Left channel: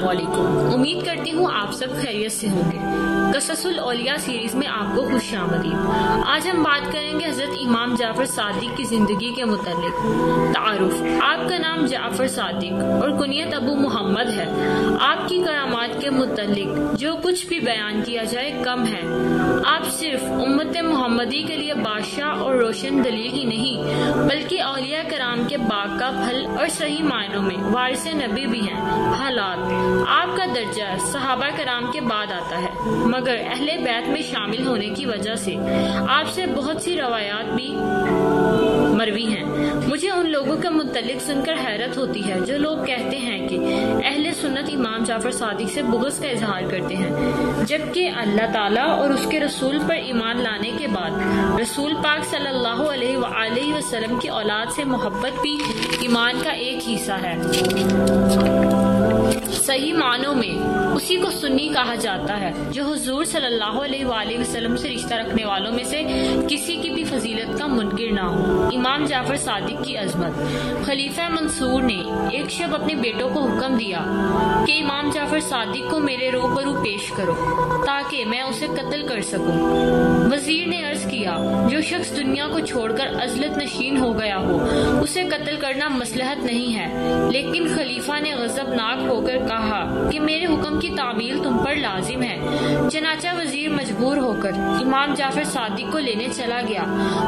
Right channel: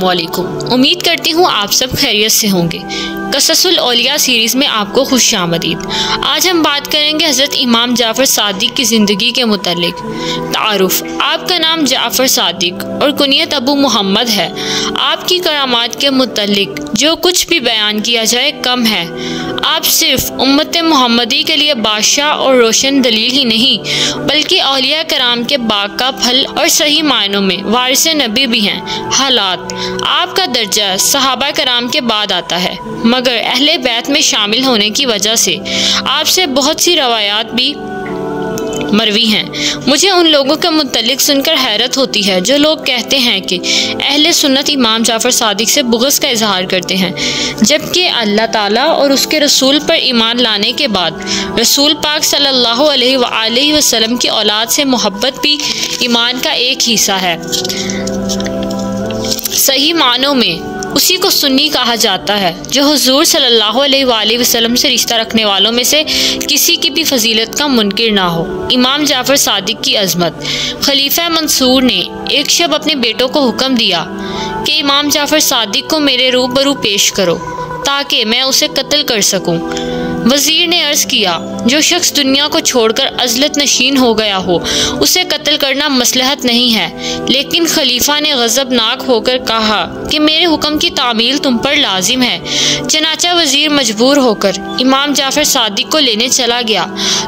अस्सलामुअलैकुम। उम्मीद करती हूँ आप सब खैरियत से होंगे। क़ससुल औलिया सीरीज़ में आपको खुशामदीद। आज हम बात करेंगे हज़रत इमाम जाफ़र सादिक की ज़िंदगी के मुतल्लिक। तारुफ़: आपका नाम जाफ़र सादिक और कुनियत अबू मोहम्मद है। आपकी करामात के मुतल्लिक जो कुछ भी बयान किया जाए कम है। आप सिर्फ उम्मत मोहम्मदी के लिए बादशाह और रोशन दलील ही नहीं बल्कि औलिया कराम के बाग का फल और सही मायनों में वारिस नबी भी हैं। हालात: आपका दर्जा सहाबा कराम के बाद आता है, मगर अहले बैत में शामिल होने की वजह से आपसे बहुत सी रवायात भी मरवी हैं। मुझे उन लोगों के मुतल्लिक सुनकर हैरत होती है जो लोग कहते हैं कि अहले सुन्नत इमाम जाफ़र सादिक से बुग़्ज़ का इजहार करते हैं, जबकि अल्लाह ताला और उसके रसूल पर ईमान लाने के बाद रसूल पाक सल्लल्लाहु अलैहि वसल्लम की औलाद से मोहब्बत भी ईमान का एक हिस्सा है। सही मानों में उसी को सुन्नी कहा जाता है जो हुजूर सल्लल्लाहु अलैहि वसल्लम से रिश्ता रखने वालों में से किसी की भी फजीलत का मुनकिर ना हो। इमाम जाफ़र सादिक की अज़मत: खलीफा मंसूर ने एक शब अपने बेटों को हुक्म दिया कि इमाम जाफ़र सादिक को मेरे रूबरू पेश करो ताकि मैं उसे कत्ल कर सकूं। वज़ीर ने अर्ज़ किया, जो शख्स दुनिया को छोड़कर अज़लत नशीन हो गया हो उसे कत्ल करना मसलहत नहीं है। लेकिन खलीफा ने गज़बनाक होकर कहा कि मेरे हुक्म की तामील तुम पर लाजिम है। चनाचा वज़ीर मजबूर होकर इमाम जाफ़र सादिक को लेने चला गया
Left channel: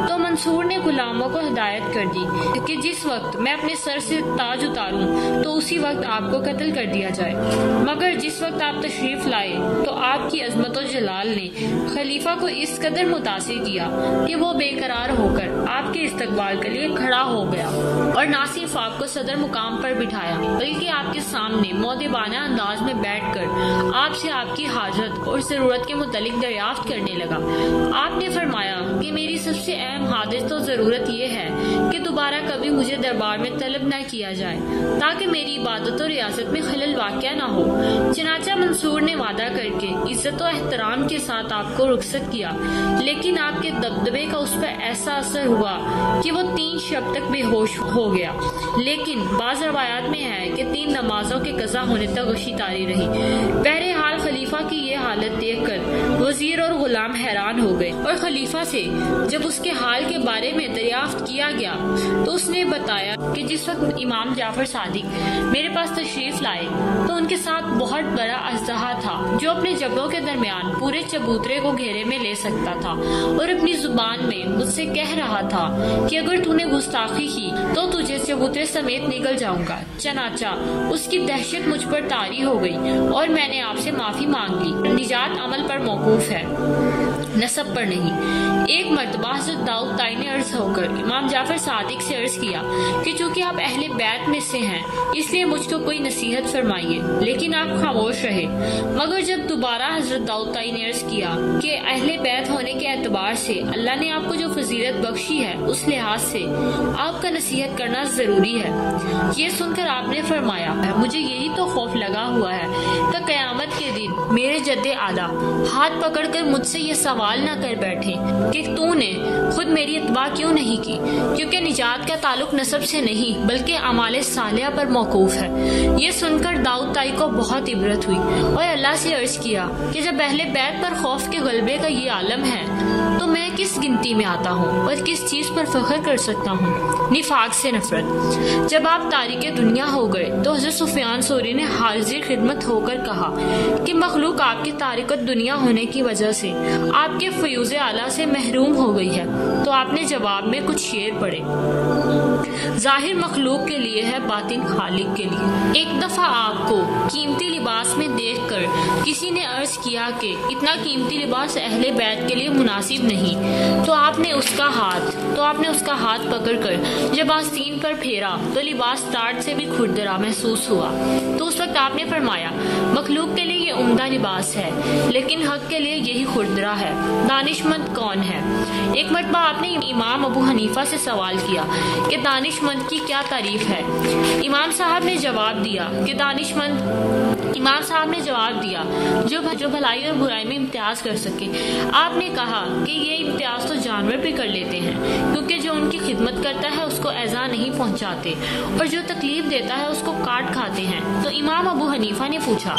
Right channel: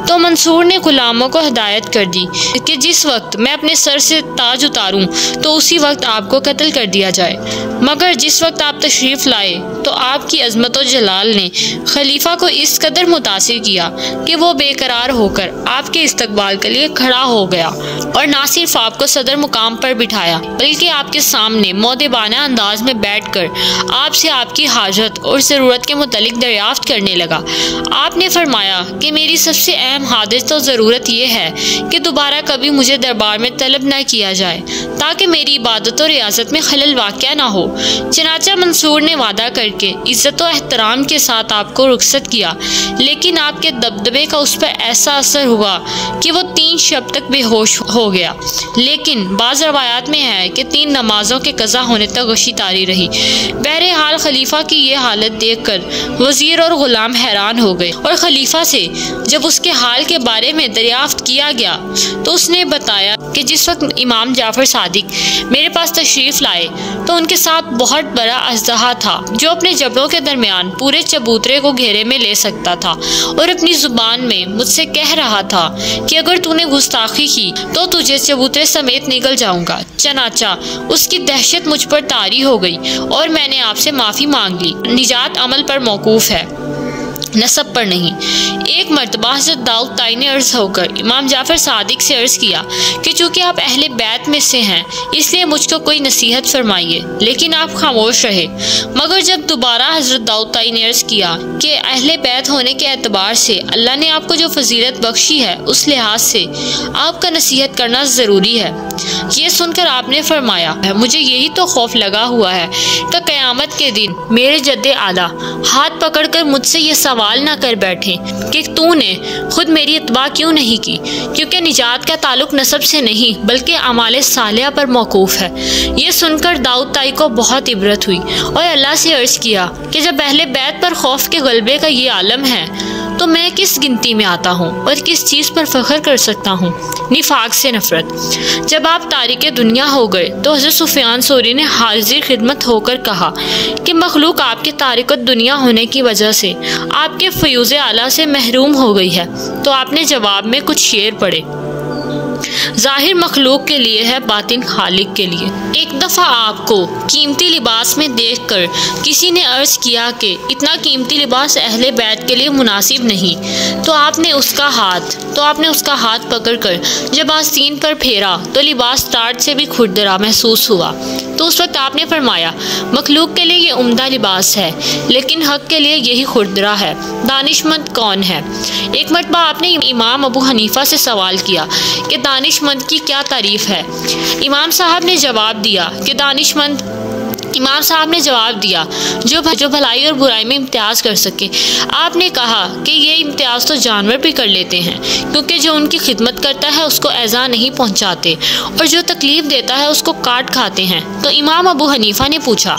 तो मंसूर ने गुलामों को हिदायत कर दी कि जिस वक्त मैं अपने सर से ताज उतारूं तो उसी वक्त आपको कत्ल कर दिया जाए। मगर जिस वक्त आप तशरीफ़ लाए तो आपकी अज़मत और जलाल ने खलीफा को इस कदर मुतासिर किया कि वो बेकरार होकर आपके इस्तकबाल के लिए खड़ा हो गया और ना सिर्फ आपको सदर मुकाम पर बिठाया बल्कि आपके सामने मौदेबाना अंदाज में बैठकर आपसे आपकी हाजत और ज़रूरत के मुतल्लिक दरियाफ्त करने लगा। आपने फरमाया कि मेरी सबसे अहम हाजत और ज़रूरत यह है कि दोबारा कभी मुझे दरबार में तलब न किया जाए ताकि मेरी इबादत और रियासत में खलल वाक़या ना हो। चनाचा मंसूर ने वादा करके इज़्ज़त और एहतराम के साथ आपको रुखसत किया, लेकिन आपके दबदबे का उस पर ऐसा असर हुआ कि वो 3 शब तक बेहोश हो गया। लेकिन बाज़ रवायात में है कि 3 नमाजों के कज़ा होने तक गशी तारी रही। बहरहाल खलीफा की ये हालत देखकर वज़ीर और ग़ुलाम हैरान हो गए और खलीफा से जब उसके हाल के बारे में दरियाफ्त किया गया तो उसने बताया कि जिस वक्त इमाम जाफ़र सादिक मेरे पास तशरीफ़ लाए तो उनके साथ बहुत बड़ा अजदहा था जो अपने जबड़ों के दरमियान पूरे चबूतरे को घेरे में ले सकता था और अपनी ज़ुबान में मुझसे कह रहा था कि अगर तूने गुस्ताखी की तो तुझे चबूतरे समेत निगल जाऊंगा। चनाचा उसकी दहशत मुझ पर तारी हो गई और मैंने आपसे माफ़ी मांग ली। निजात अमल पर मौकूफ़ है, नसब पर नहीं। एक मरतबा हज़रत दाऊद ताई ने अर्ज़ होकर इमाम जाफ़र सादिक से अर्ज़ किया कि चूँकि आप अहले बैत में से हैं इसलिए मुझको कोई नसीहत फरमाइए, लेकिन आप खामोश रहे। मगर जब दोबारा हज़रत दाऊद ताई ने अर्ज़ किया कि अहले बैत होने के एतबार से अल्लाह ने आपको जो फजीलत बख्शी है उस लिहाज से आपका नसीहत करना ज़रूरी है। ये सुनकर आपने फरमाया, मुझे यही तो खौफ लगा हुआ है कि क़यामत के दिन मेरे जद्दे आला हाथ पकड़ कर मुझसे ये सवाल ना कर बैठे कि तूने खुद मेरी इत्बा क्यों नहीं की, क्योंकि निजात का ताल्लुक नसब से नहीं बल्कि अमाले सालिहा पर मौकूफ़ है। ये सुनकर दाऊद ताई को बहुत इबरत हुई और अल्लाह से अर्ज़ किया कि जब अहले बैत पर खौफ के गलबे का ये आलम है तो मैं किस गिनती में आता हूँ और किस चीज़ पर फ़ख्र कर सकता हूँ। निफाक से नफ़रत: जब आप तारिक दुनिया हो गए तो हज़रत सुफियान सौरी ने हाजिर खिदमत होकर कहा कि मखलूक आपके तारिक दुनिया होने की वजह से आपके फ़यूज़ आला से महरूम हो गई है। तो आपने जवाब में कुछ शेर पढ़े, ज़ाहिर मखलूक के लिए है, बातिन खालिक के लिए। एक दफ़ा आपको कीमती लिबास में देखकर किसी ने अर्ज़ किया कि इतना कीमती लिबास अहले बैत के लिए मुनासिब नहीं, तो आपने उसका हाथ पकड़कर जब आस्तीन पर फेरा तो लिबास टाट से भी खुरदरा महसूस हुआ। तो उस वक्त आपने फरमाया, मखलूक के लिए ये उम्दा लिबास है लेकिन हक़ के लिए यही खुरदरा है। दानिशमंद कौन है? एक मरतबा आपने इमाम अबू हनीफा से सवाल किया कि दानिशमंद की क्या तारीफ़ है। इमाम साहब ने जवाब दिया कि दानिशमंद इमाम साहब ने जवाब दिया, जो भलाई और बुराई में इम्तियाज कर सके। आपने कहा कि ये इम्तियाज तो जानवर भी कर लेते हैं, क्योंकि जो उनकी खिदमत करता है उसको ऐज़ा नहीं पहुंचाते और जो तकलीफ देता है उसको काट खाते हैं। तो इमाम अबू हनीफा ने पूछा,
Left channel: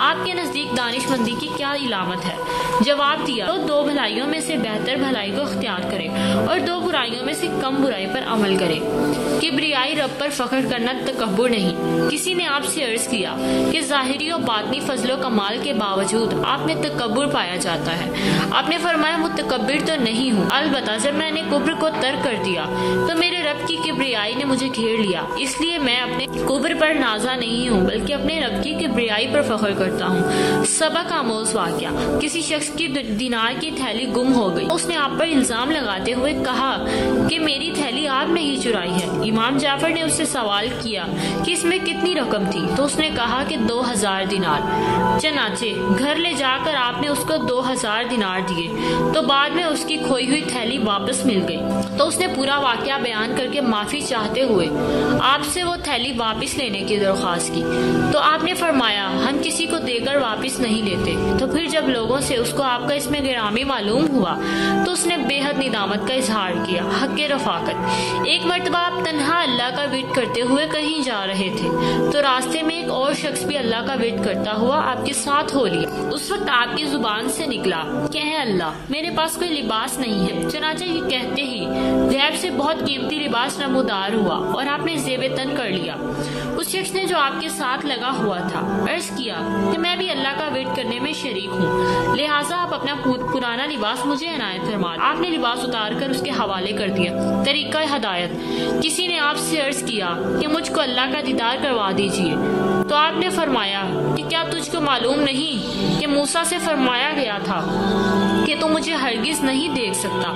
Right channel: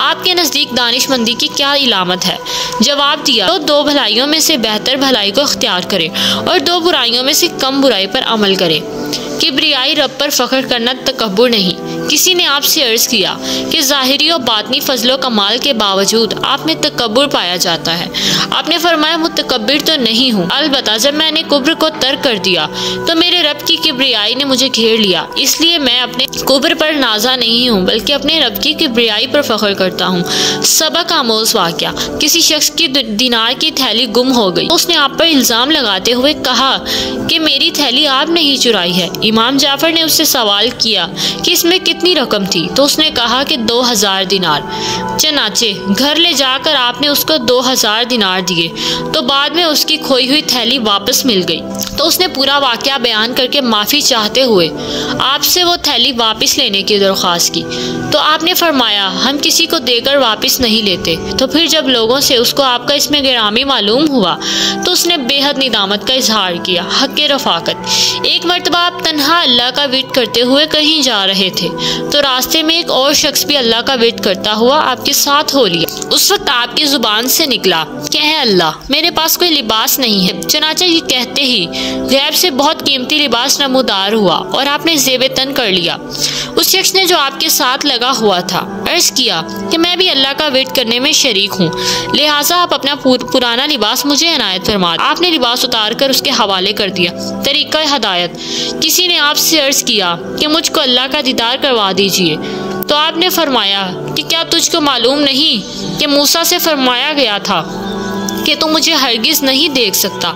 आपके नज़दीक दानिशमंदी की क्या इलामत है? जवाब दिया, तो 2 भलाइयों में से बेहतर भलाई को इख्तियार करे और 2 बुराइयों में से कम बुराई पर अमल करे। किब्रियाई रब पर फख्र करना तकब्बुर नहीं। किसी ने आपसे अर्ज किया कि ज़ाहिरी और बातनी फजलो कमाल के बावजूद आप में तकब्बुर पाया जाता है। आपने फरमाया, मुतकब्बिर तो नहीं हूँ, अलबत्ता जब मैंने कुब्र को तर्क कर दिया तो मेरे रब की किब्रियाई ने मुझे घेर लिया, इसलिए मैं अपने कुब्र पर नाजा नहीं हूँ बल्कि अपने रब की किब्रियाई पर फख्र करता हूँ। सबक आमोज वाक़या, किसी शख्स की दिनार की थैली गुम हो गई। उसने आप पर इल्ज़ाम लगाते हुए कहा कि मेरी थैली आपने ही चुराई है। इमाम जाफर ने उससे सवाल किया कि इसमें कितनी रकम थी, तो उसने कहा कि 2000 दिनार। चनाचे घर ले जाकर आपने उसको 2000 दिनार दिए, तो बाद में उसकी खोई हुई थैली वापस मिल गई। तो उसने पूरा वाक़या बयान करके माफ़ी चाहते हुए आपसे वो थैली वापस लेने की दरख्वास्त की। तो आपने फरमाया, हम किसी को देकर वापस नहीं लेते। तो फिर जब लोगों से उसको आपका इसमें गिरामी मालूम हुआ तो उसने बेहद निदामत का इजहार किया। हक़ रफ़ाकत, एक मरतबा आप तन्हा अल्लाह का विर्द करते हुए कहीं जा रहे थे, तो रास्ते में एक और शख्स भी अल्लाह का विर्द करता हुआ आपके साथ हो लिया। उस वक्त आपकी जुबान से निकला कि है अल्लाह, मेरे पास कोई लिबास नहीं है। चनाचा ये कहते ही गैब से बहुत कीमती लिबास नमूदार हुआ और आपने ज़ेब तन कर लिया। उस शख्स ने जो आपके साथ लगा हुआ था अर्ज किया कि मैं भी अल्लाह का विर्द करने में शरीक हूँ, लिहाजा आप अपना पुराना लिबास मुझे इनायत फरमा। आपने लिबास उतार कर उसके हवाले कर दिया। तरीका हिदायत, किसी ने आपसे अर्ज किया कि मुझको अल्लाह का दीदार करवा दीजिए, तो आपने फरमाया कि क्या तुझको मालूम नहीं कि मूसा से फरमाया गया था कि तू मुझे हरगिज़ नहीं देख सकता।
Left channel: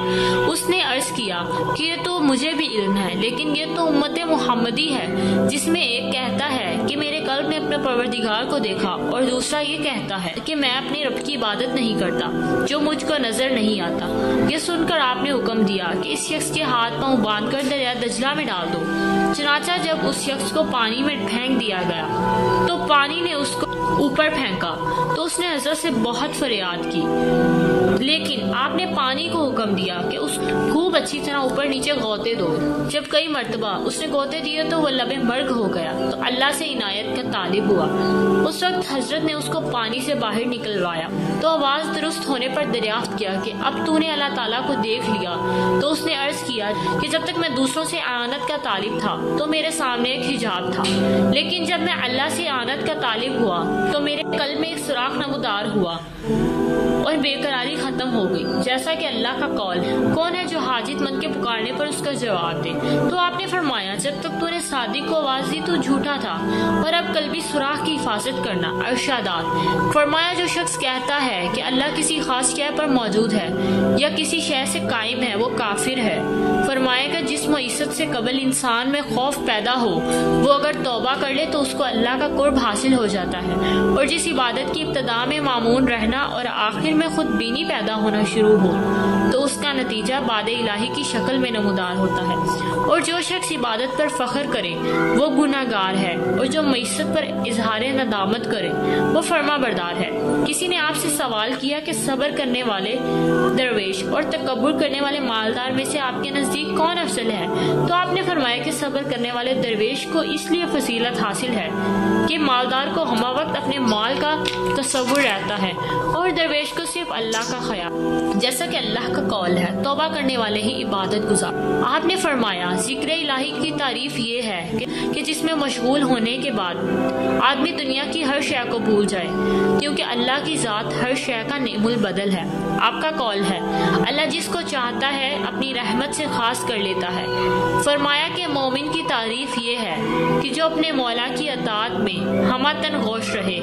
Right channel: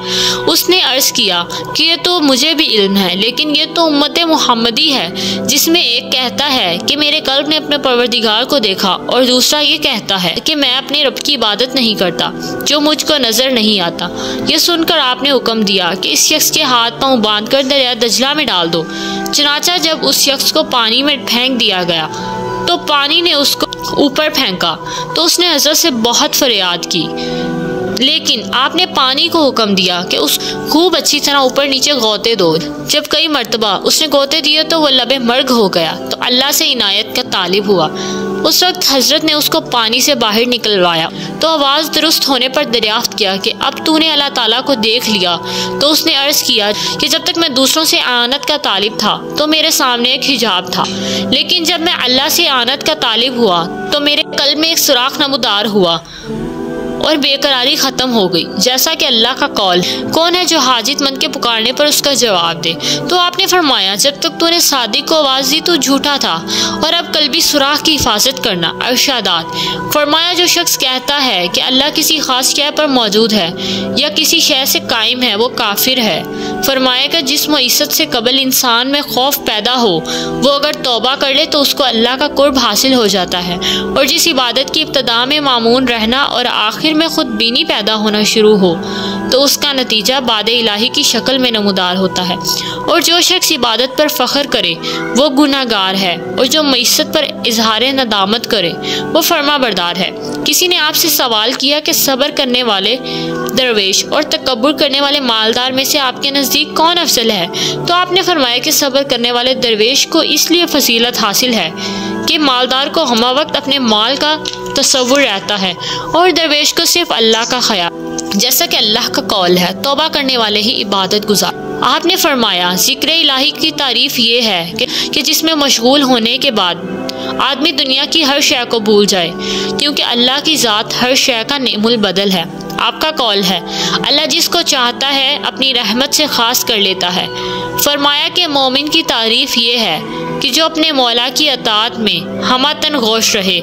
उसने अर्ज किया कि ये तो मुझे भी इल्म है, लेकिन ये तो उम्मत मुहम्मदी है, जिसमें एक कहता है कि मेरे कल्ब ने अपने परवरदिगार को देखा और दूसरा ये कहता है कि मैं अपने रब की इबादत नहीं करता जो मुझको नज़र नहीं आता। ये सुनकर आपने हुक्म दिया कि इस शख्स के हाथ पाँव बांध कर दरिया दजला में डाल दो। चनाचा जब उस शख्स को पानी में फेंक दिया गया तो पानी ने उसको ऊपर फेंका, तो उसने हज़रत से बहुत फरियाद की, लेकिन आपने पानी को हुक्म दिया कि उस खूब अच्छी तरह ऊपर नीचे गोते दो। जब कई मरतबा उसने गोते दिए तो वह लबे मर्ग हो गया, तो अल्लाह से इनायत का तालिब हुआ। उस वक्त हजरत ने उसको पानी से बाहर निकलवाया, तो आवाज़ दुरुस्त होने पर दरियाफ्त किया कि अब तूने अल्लाह ताला को देख लिया। तो उसने अर्ज़ किया कि जब तक मैं दूसरों से आनत का तालिब था तो मेरे सामने एक हिजाब था, लेकिन जब मैं अल्लाह से आनत का तालिब हुआ तो मेरे कल्ब में एक सुराख नमूदार हुआ और बेकरारी ख़त्म हो गई। जैसा कि अल्लाह का कौल, कौन है जो हाजितमंद के पुकारने पर उसका जवाब दे। तो आपने फरमाया, जब तक तूने सादिक को आवाज़ दी तो झूठा था, और अब कल्बी सुराख की हिफाजत करना। अरशादात फरमाया, जो शख्स कहता है कि अल्लाह किसी खास शय पर मौजूद है या किसी शय से कायम है, वो काफिर है। फरमाया कि जिस मुइस्सत से कबल इंसान में खौफ पैदा हो, वो अगर तौबा कर ले तो उसको अल्लाह का कुर्ब हासिल हो जाता है, और जिस इबादत की इब्तदा में मामून रहना और आखिर में खुद बीनी पैदा होना शुरू हो तो उसका नतीजा बाद इलाही की शक्ल में नमूदार होता है। और जो शख्स इबादत पर फ़ख्र करे वो गुनाहगार है, और जो मईसत पर इजहार नदामत करे वो फर्मा बरदार है। किसी ने आपसे सवाल किया कि सब्र करने वाले दरवेश और तकब्बुर करने वाले मालदार में से आपके नज़दीक कौन अफजल है? तो आपने फरमाया कि सब्र करने वाले दरवेश को इसलिए फजीलत हासिल है कि मालदार को हमा वक्त अपने माल का तसव्वुर रहता है और दरवेश को सिर्फ अल्लाह का ख्याल, जैसा कि अल्लाह का कौल है, तौबा करने वाले ही इबादत गुजार। आपने फरमाया, जिक्र इलाही की तारीफ ये है कि जिसमें मशगूल होने के बाद आदमी दुनिया की हर शय को भूल जाए, क्योंकि अल्लाह की ज़ात हर शय का नेमुल बदल है। आपका कौल है, अल्लाह जिसको चाहता है अपनी रहमत से खास कर लेता है। फरमाया कि मोमिन की तारीफ ये है कि जो अपने मौला की अताअत में हमतन गौश रहे।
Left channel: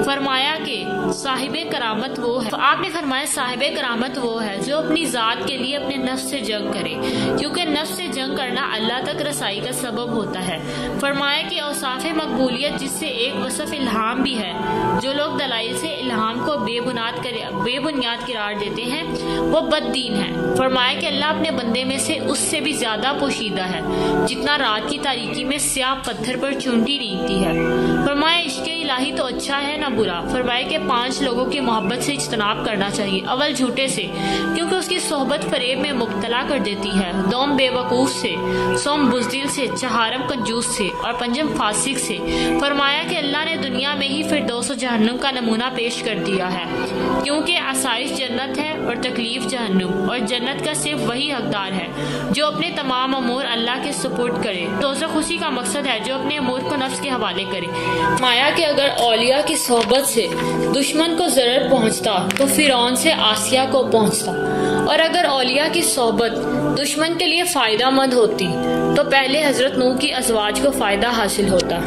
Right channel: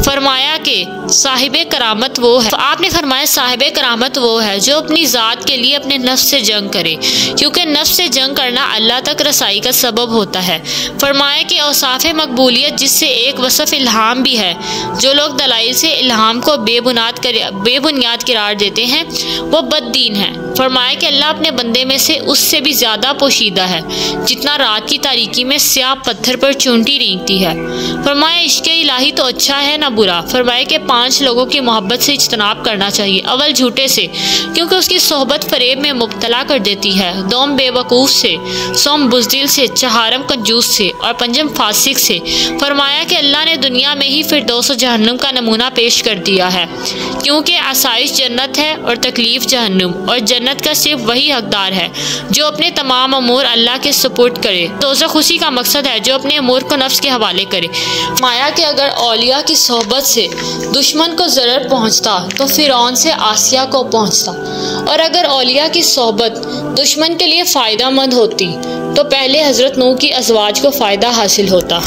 फरमाया कि साहिबे करामत वो है, आपने फरमाया साहिबे करामत वो है जो अपनी ज़ात के लिए अपने नफ्स से जंग करे, क्योंकि नफ्स से जंग करना अल्लाह तक रसाई का सबब होता है। फरमाया कि औसाफ़े मकबूलियत जिससे एक वसफ़ इल्हाम भी है, जो लोग दलाइल से इल्हाम को बेबुनियाद करार देते हैं वो बददीन है। फरमाया कि अल्लाह अपने बंदे में से उससे भी ज़्यादा पोशीदा है जितना रात की तारीकी में स्याह पत्थर पर चूंटी रेंगती है। फरमाया इश्क़ इलाही तो अच्छा है ना बुरा। फरमाया कि 5 लोगों की मोहब्बत से इज्तनाब करना चाहिए। अव्वल झूठे से, क्योंकि उसकी सोहबत फरेब में मुब्तला कर देती है। दोम बेवकूफ़ से, सोम बुज़दिल से, चहारम कंजूस से और पंजम फासिक से। फरमाया कि अल्लाह ने दुनिया में ही फिरदौस जहन्नुम का नमूना पेश कर दिया है, क्योंकि आसाइश जन्नत है और तकलीफ जहन्नुम, और जन्नत का सिर्फ वही हकदार है जो अपने तमाम अमूर अल्लाह के सुपुर्द करे। दोज़ख उसी का मकसद है जो अपने अमूर को नफ्स के हवाले करे। माया कि अगर औलिया की सोहबत से दुश्मन को ज़रर पहुँचता तो फ़िरौन से आसिया को पहुँचता, और अगर औलिया की सोहबत दुश्मन के लिए फ़ायदा मंद होती तो पहले हज़रत नूह की अज़वाज को फ़ायदा हासिल होता।